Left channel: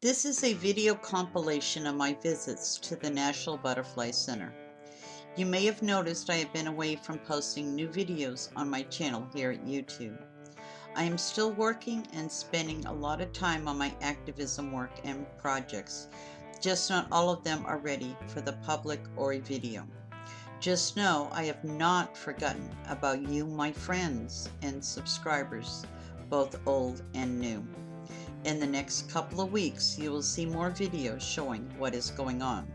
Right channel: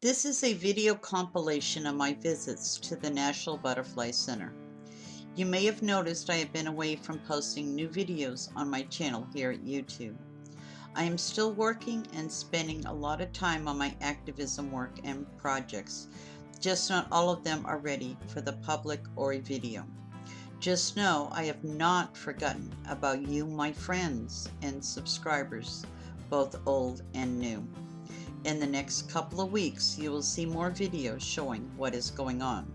This is a video compilation of my visits to the National Butterfly Center. You may have noticed I have been away from posting new videos on my channel here at YouTube. I am still working and spending a lot of time on my activism work and projects. Just not all of them are ready for the public or a video. Just know I have not forgotten about you, my friends and subscribers, both old and new. In the next couple of weeks, you will see more videos showing what is going on.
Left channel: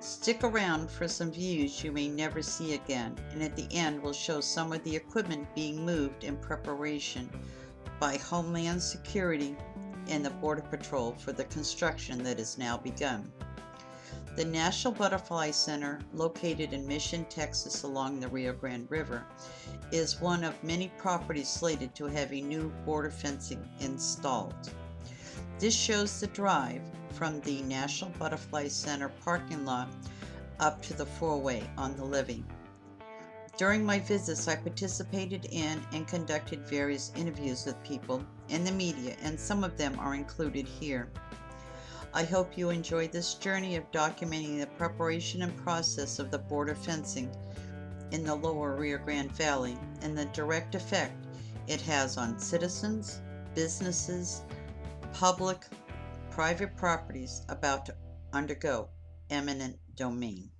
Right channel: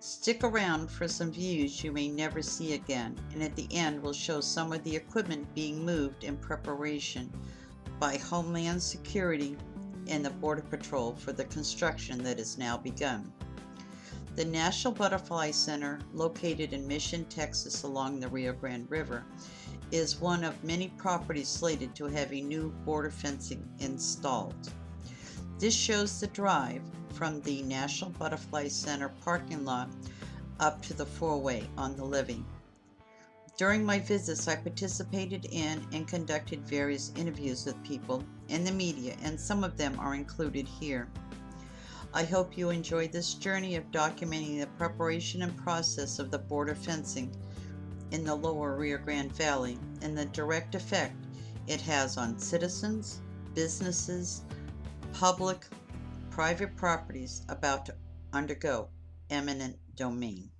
Stick around for some views you may never see again, and at the end we'll show some of the equipment being moved in preparation by Homeland Security and the Border Patrol for the construction that has now begun. The National Butterfly Center, located in Mission, Texas along the Rio Grande River, is one of many properties slated to have a new border fencing installed. This shows the drive from the National Butterfly Center parking lot up to the four-way on the levee. During my visits, I participated in and conducted various interviews with people in the media, and some of them are included here. I hope you enjoy this journey of documenting the preparation and process of the border fencing in the lower Rio Grande Valley and the direct effect it has on citizens, businesses, public, private properties about to undergo eminent domain.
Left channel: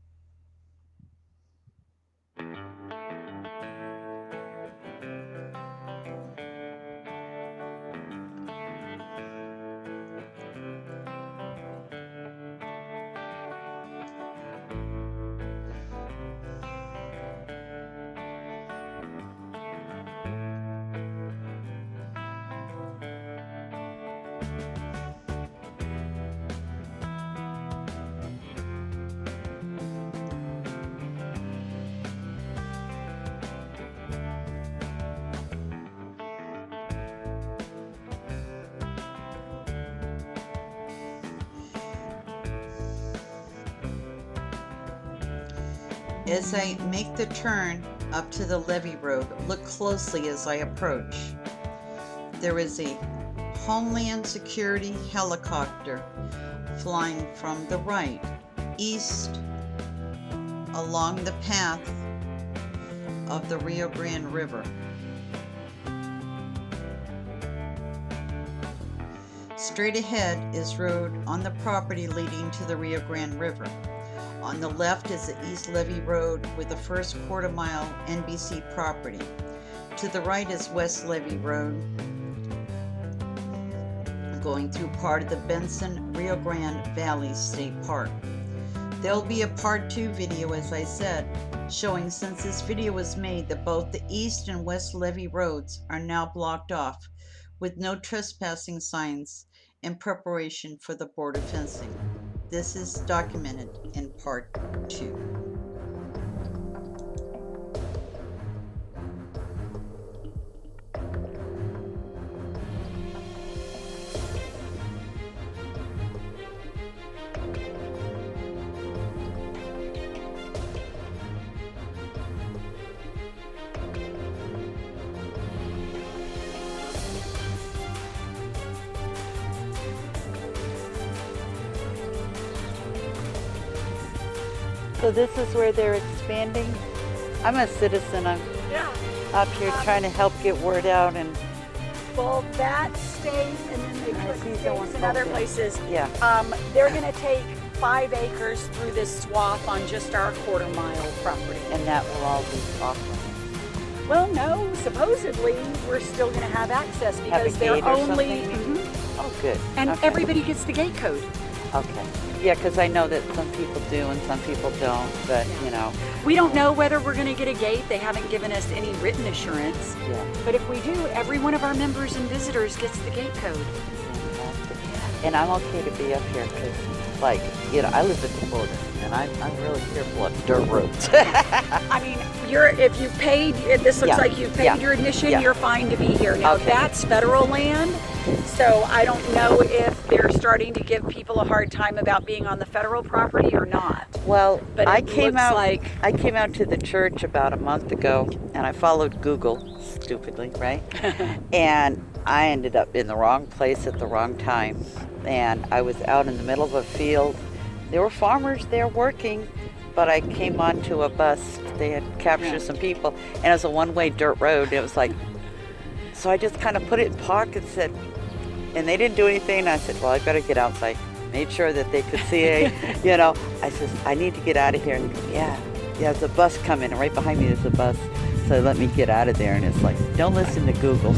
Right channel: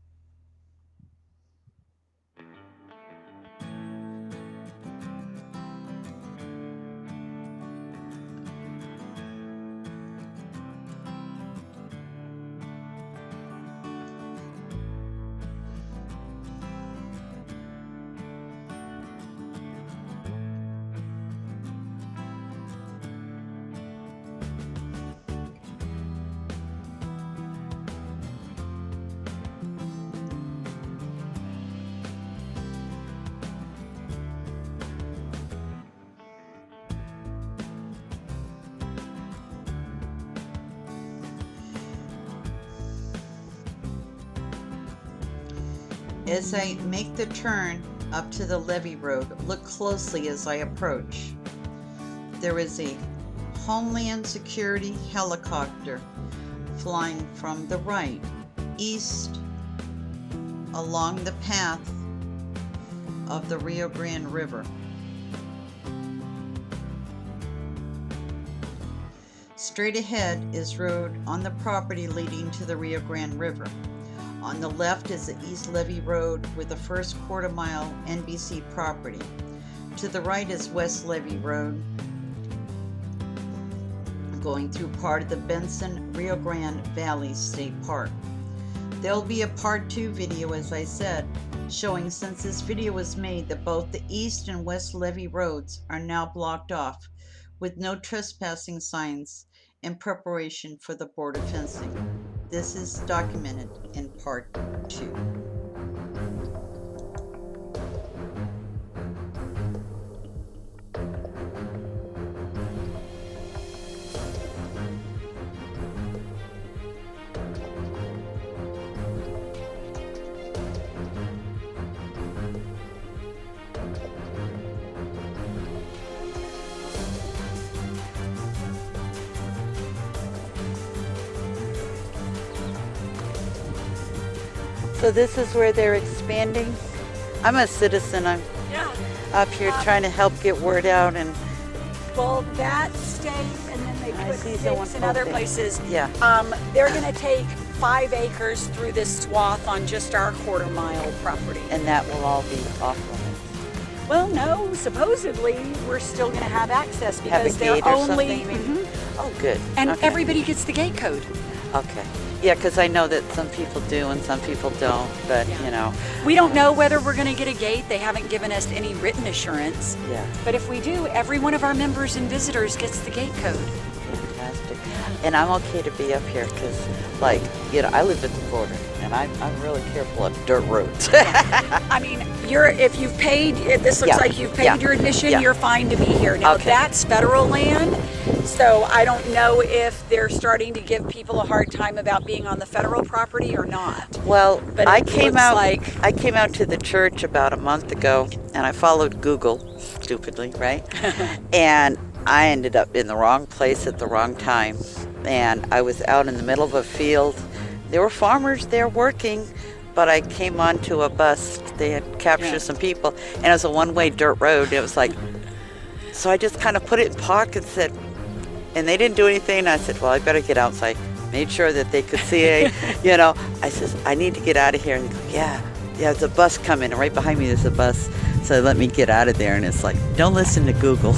As I make the turn up to the levee road, look closely as I approach. There is a Homeland Security helicopter flying from the right, east, along the path of the Rio Grande River. Straight ahead is road on the property leading to the Rio Grande River. On the left is the East Levee Road with the first quarter-mile NBC property. To the right is West Levee Road, going through part of the Benson Rio Grande Valley State Park. There'll be a part 2 video, as I said, showing since this video was made that both the East and West Levee Roads are now blocked off with no trespassing signs in preparation for the border fencing. This is documented in part 2. So this is where they're expanding. I'm a citizen. I'm out here trying to help get word out. And well, that stays, and then they put stakes in other places. Yeah. They're going to take 5 acres through this swath on just our quarter-mile property. And that will all be off limits. Well, no. Supposedly, we're still going to have access because they're only. Oh, good. And okay. Everybody gets the gate code. Okay. Yeah, because I know that some people do and some people don't, but you know. We don't know whether we're going to get a gate. They haven't given us any written assurance. Yeah. But if we do, every one of our members and visitors gets the gate code. Fantastic. And I'm okay to be up here because, like, you know, I live at the border and I'm really careful of dirt roads. I mean, if you've paid, this looks like you've paid your admission, you're fine to be here. Now, that's federal land, so I don't know if they're starting to give people a hard time about being on the federal property or not. Well, but I came out to the church about a month ago, and I followed Google, stupidly, right? And I ended up in the wrong place at the wrong time. And I was out in the middle of a field. There were farmers there working, but I came onto a bus. They had captured some people, and it was a one-way dirt road. It was like, so I just kind of put it in park and said, and they didn't do anything. I said, well, I better get out. So I made sure that they could see, I said, I need to get out of here. And yeah, there's a bus coming, and right behind me there's a bus. So let me get out of there. And it's like, don't listen to Google.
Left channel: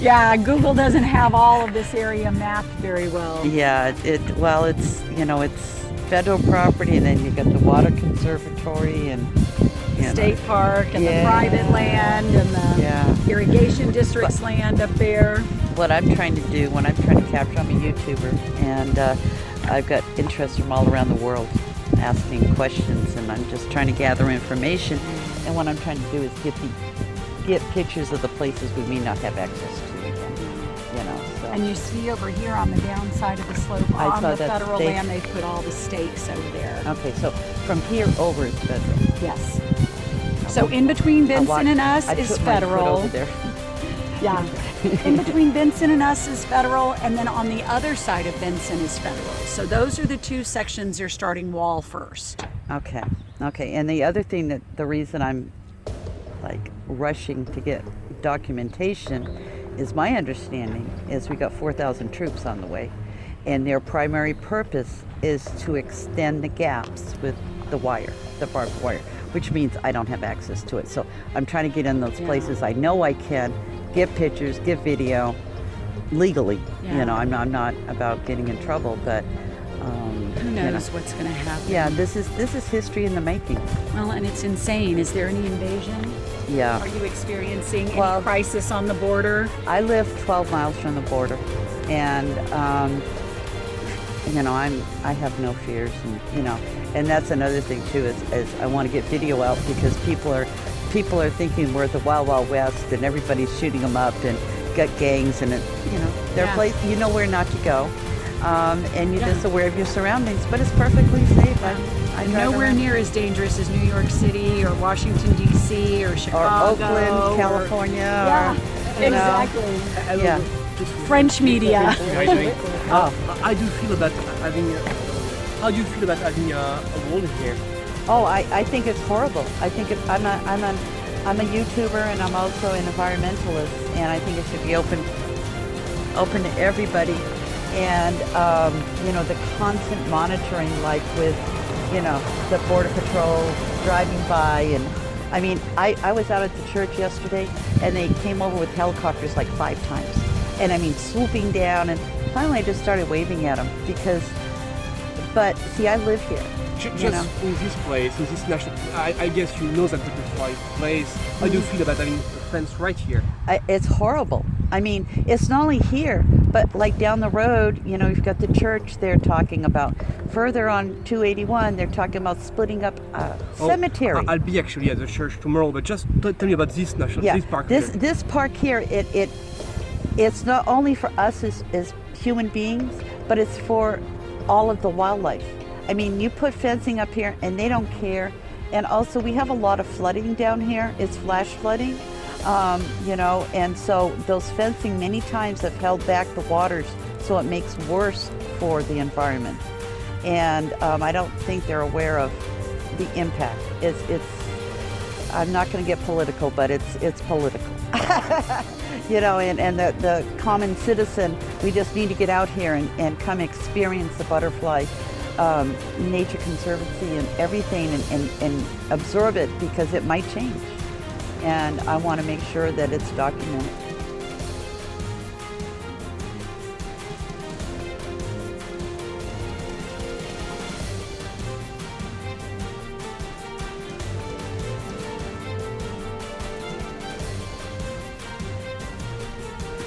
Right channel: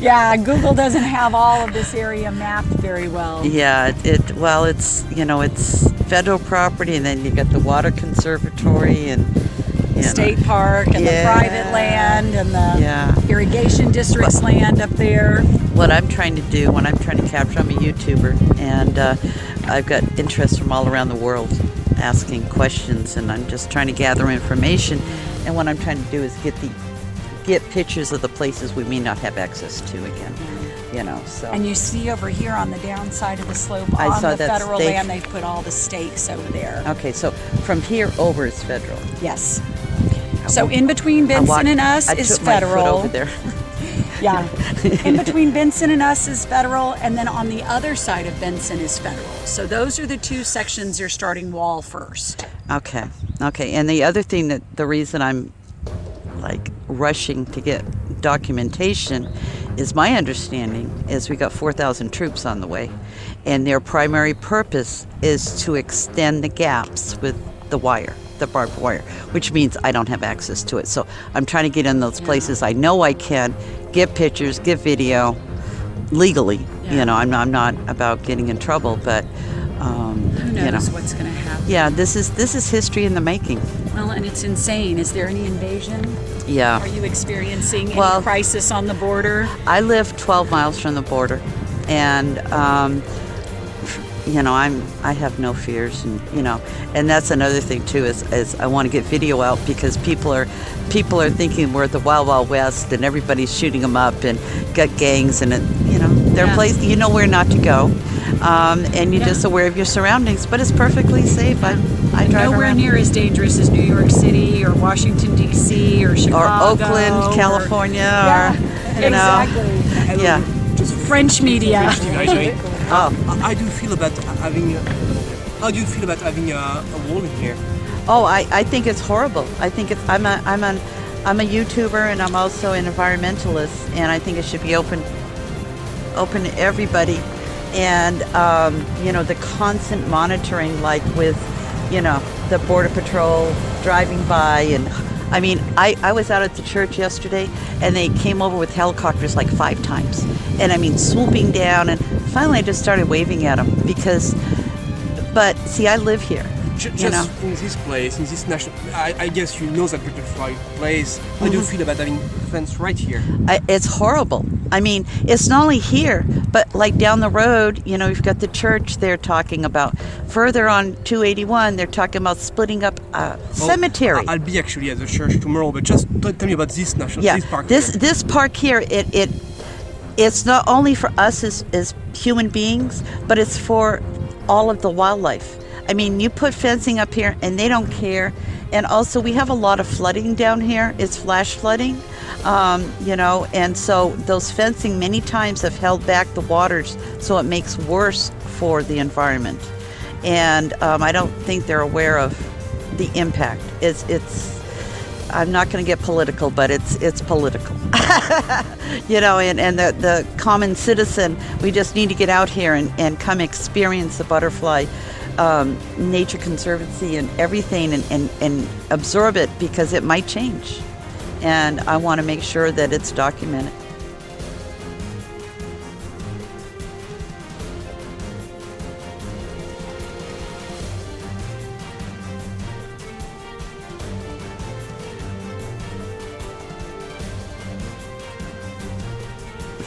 Yeah, Google doesn't have all of this area mapped very well. Yeah, it's federal property, and then you got the water conservatory and state park and the private land and the irrigation district's land up there. What I'm trying to do when I'm trying to capture, I'm a YouTuber, and I've got interest from all around the world asking questions, and I'm just trying to gather information. And what I'm trying to do is get pictures of the places we may not have access to again. So. And you see over here on the downside of the slope on the federal land, they've put all the stakes over there. Okay, so from here over is federal. Yes. So in between Benson and us is federal. My foot over there. Yeah. In between Benson and us is federal, and then on the other side of Benson is federal. So those are the two sections they're starting wall first. Okay. And the other thing the reason I'm like rushing to get documentation is my understanding is we got 4,000 troops on the way, and their primary purpose is to extend the gaps with the barbed wire, which means I don't have access to it. So I'm trying to get in those places I know I can, get pictures, get video legally. I'm not about getting in trouble, but who knows what's going to happen. Yeah, this is history in the making. Well, and it's insane. Is there any invasion? Yeah. Are you experiencing any crisis on the border? I live 12 miles from the border, and I have no fears, and that's another thing too is I want to get video out because people are thinking we're at the Wild Wild West and everybody's shooting them up and got gangs and their place, where not to go. And you're just aware of your surroundings, but it's perfectly safe. I drive nowhere around. near as dangerous as New York City or Washington D.C. or Chicago or Oakland, California, exactly. Yeah, French media. How do you feel about having a wall in here? Oh, I think it's horrible. I think I'm a YouTuber, and I'm also an environmentalist, and I think it should be open to everybody. And the constant monitoring, like with the Border Patrol driving by, and I mean I was out at the church yesterday, and they came over with helicopters like 5 times, and I mean swooping down, and finally I just started waving at them but see, I live here. Just in this place, in this national, I guess you know that beautiful place. How do you feel about having a fence right here? It's horrible. I mean, it's not only here, but like down the road, you've got the church they're talking about. Further on 281, they're talking about splitting up a cemetery. I'll be actually at the church tomorrow, but just tell me about this this park here. This park here, it's not only for us as human beings, but it's for all of the wildlife. I mean, you put fencing up here and they don't care. And also we have a lot of flooding down here. It's flash flooding, and so those fencing many times have held back the waters, so it makes worse for the environment. And I don't think they're aware of the impact. I'm not going to get political, but it's political. And the common citizen, we just need to get out here and come experience the butterfly Nature Conservancy and everything and absorb it, because it might change. And I want to make sure that it's documented.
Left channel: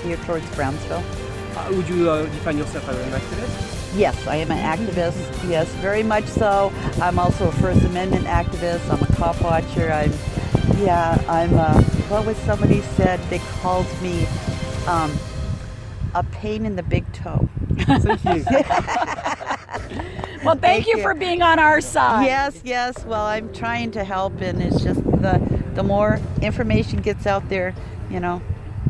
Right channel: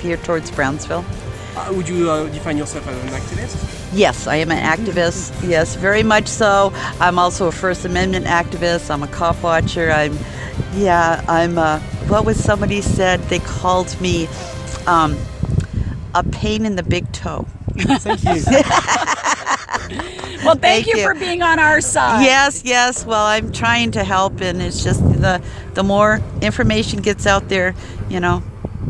Here towards Brownsville. Would you define yourself as an activist? Yes, I am an activist. Yes, very much so. I'm also a First Amendment activist. I'm a cop watcher. I'm what was somebody said? They called me a pain in the big toe. Thank you. Well, thank you for being on our side. Yes. Well, I'm trying to help, and it's just the more information gets out there,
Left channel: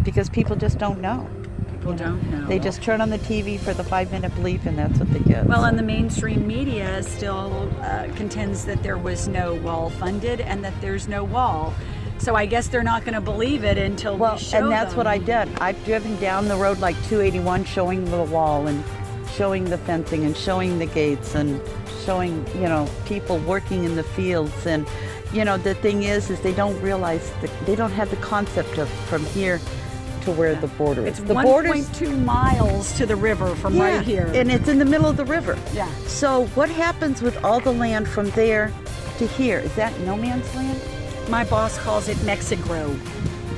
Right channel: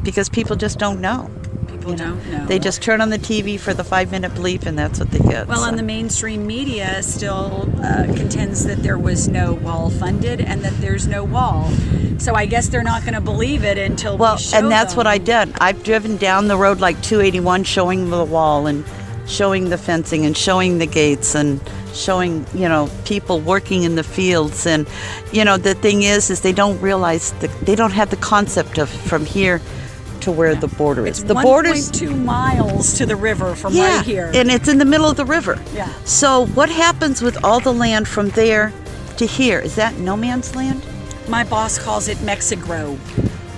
because people just don't know. People don't know. They just turn on the TV for the 5-minute bleep, and that's what they get. Well, so. and the mainstream media still contends that there was no wall funded and that there's no wall. So I guess they're not going to believe it until we show and that's them. what I did. I've driven down the road like 281 showing the wall and showing the fencing and showing the gates and showing, people working in the fields. And, the thing is they don't realize they don't have the concept of from here to where the border is. It's The border's 1.2 miles to the river from right here. And it's in the middle of the river. Yeah. So what happens with all the land from there to here? Is that no man's land? My boss calls it Mexico.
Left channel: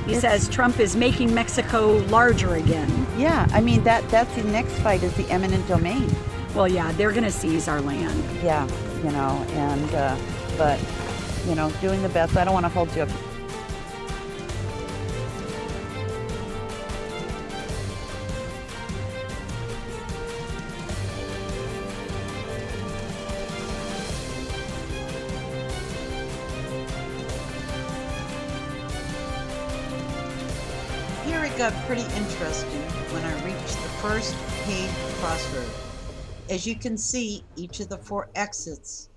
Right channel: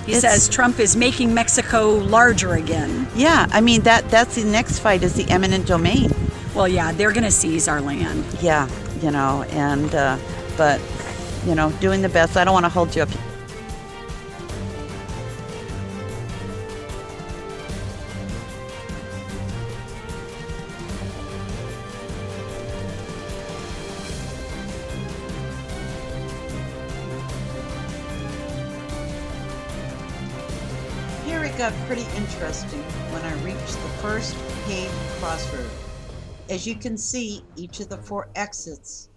He says Trump is making Mexico larger again. Yeah, I mean that's the next fight is the eminent domain. Well, yeah, they're going to seize our land. Yeah, but doing the best. I don't want to hold you up. Here it got pretty interesting when I reached the first paved crossroad. As you can see, each of the 4 exits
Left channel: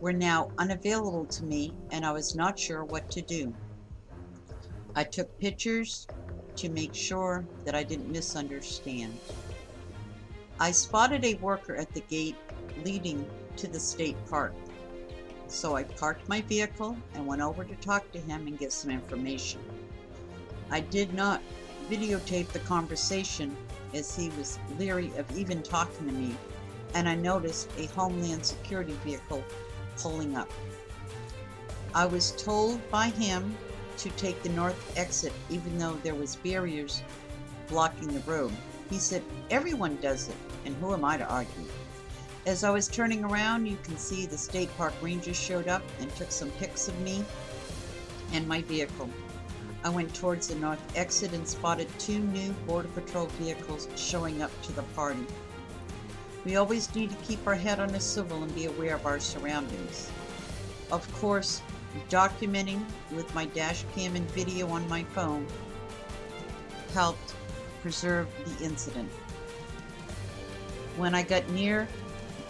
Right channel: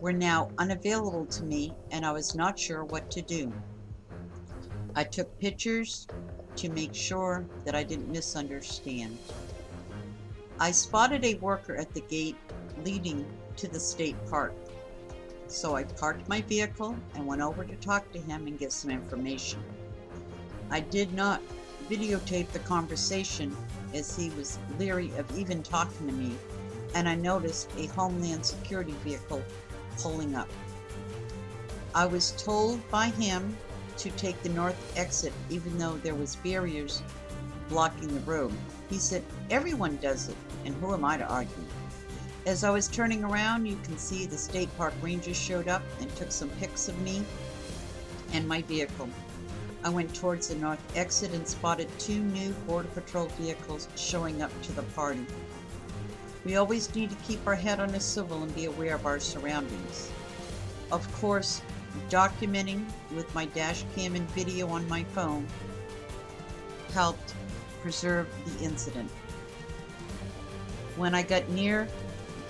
were now unavailable to me, and I was not sure what to do. I took pictures to make sure that I didn't misunderstand. I spotted a worker at the gate leading to the state park. So I parked my vehicle and went over to talk to him and get some information. I did not videotape the conversation as he was leery of even talking to me, and I noticed a Homeland Security vehicle pulling up. I was told by him to take the north exit even though there was barriers blocking the road. He said, everyone does it, and who am I to argue? As I was turning around, you can see the state park rangers showed up and took some pics of me and my vehicle. I went towards the north exit and spotted 2 new Border Patrol vehicles showing up to the party. We always need to keep our head on a swivel and be aware of our surroundings. Of course, documenting with my dash cam and video on my phone helped preserve the incident. When I got near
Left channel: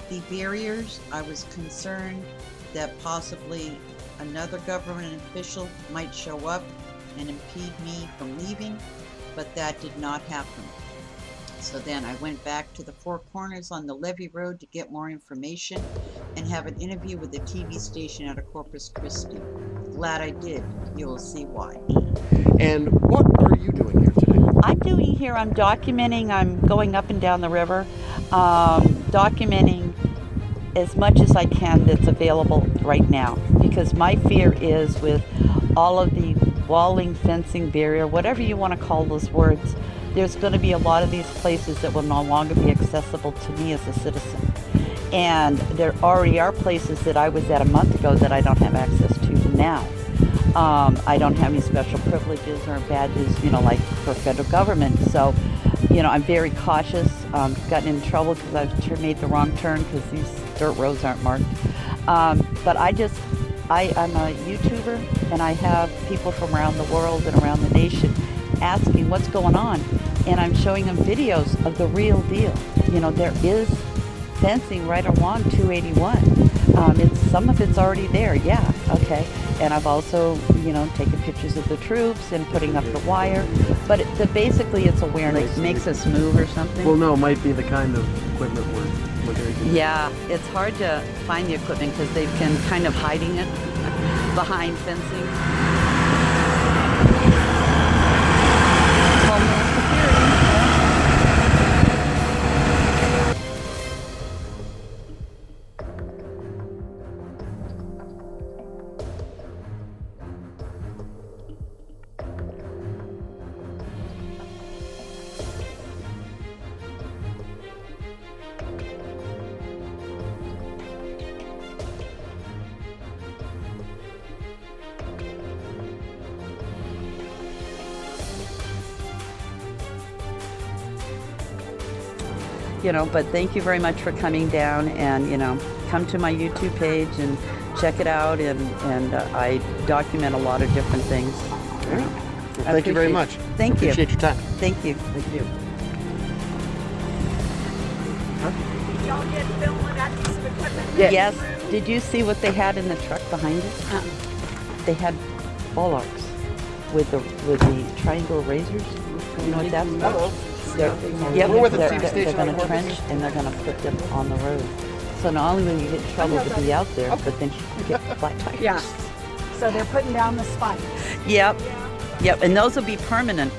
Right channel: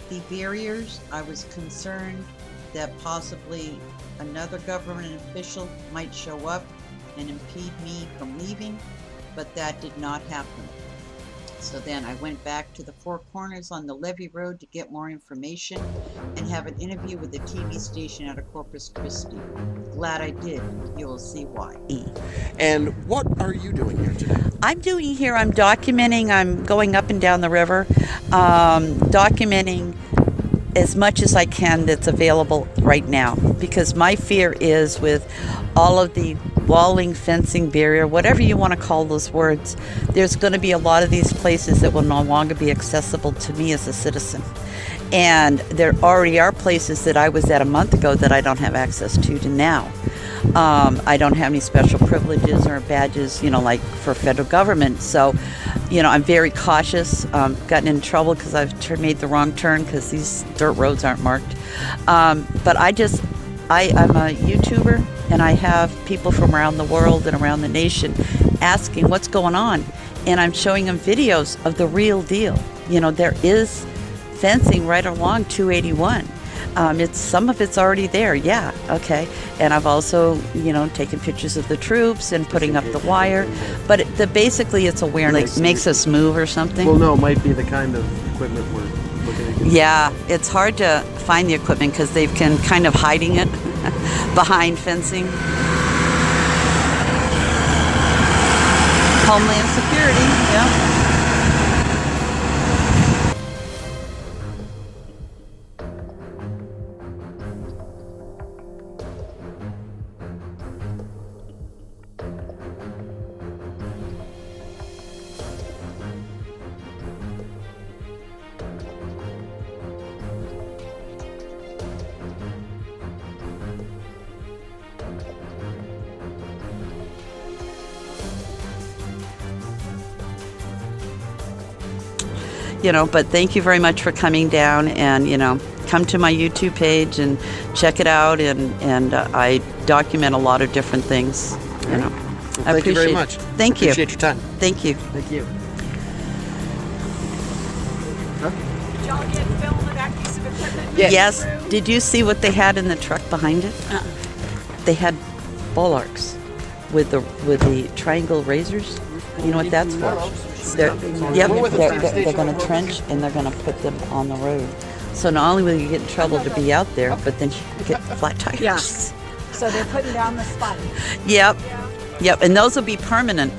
the barriers, I was concerned that possibly another government official might show up and impede me from leaving, but that did not happen. So then I went back to the 4 corners on the Levee Road to get more information and have an interview with the TV station out of Corpus Christi. Glad I did. You will see why. And what are you doing here today? I'm documenting, I'm going up and down the river, documenting as much as I can that's available right now, because my fear is with all of the walling, fencing, barrier, whatever you want to call those words, there's going to be a lot of these places that will no longer be accessible to me as a citizen. And there already are places that I was at a month ago that I don't have access to now. I don't have any special privileges or badges, like for federal government. So, I'm very cautious. Gotten in trouble because I've made the wrong turn because these dirt roads aren't marked. But I'm a YouTuber, and I have people from around the world and around the nation asking what's going on. And I'm showing them videos of the real deal. There is fencing right along 281. Some of it's already there, yeah, okay. And I've also, taken pictures of the troops and putting up the wire. But basically it's awareness. It makes us move or something. Well, no, it might be the kind of equipment we're looking at. Yeah, it's hard to find the equipment because they've been kind of hiding it behind fencing. Homeland Security, yeah. But thank you very much for coming down, and, come to my YouTube page and check it out, and I document a lot of different things. All right. Well, I thank you very appreciate- much. Thank you. Appreciate your time. Thank you. Thank you. Did y'all get film of that piece of equipment? Yes. Did you see what they had in the truck behind it? They had bollarks with the triangle razors. You know what that's for? They're, yep, they're going to trench and they're going to put them on the road. So not only will you get in trouble to be out there, but then you get flat tires. Yes. So they're putting down the spike. Yep. Yep. And those will be permanent.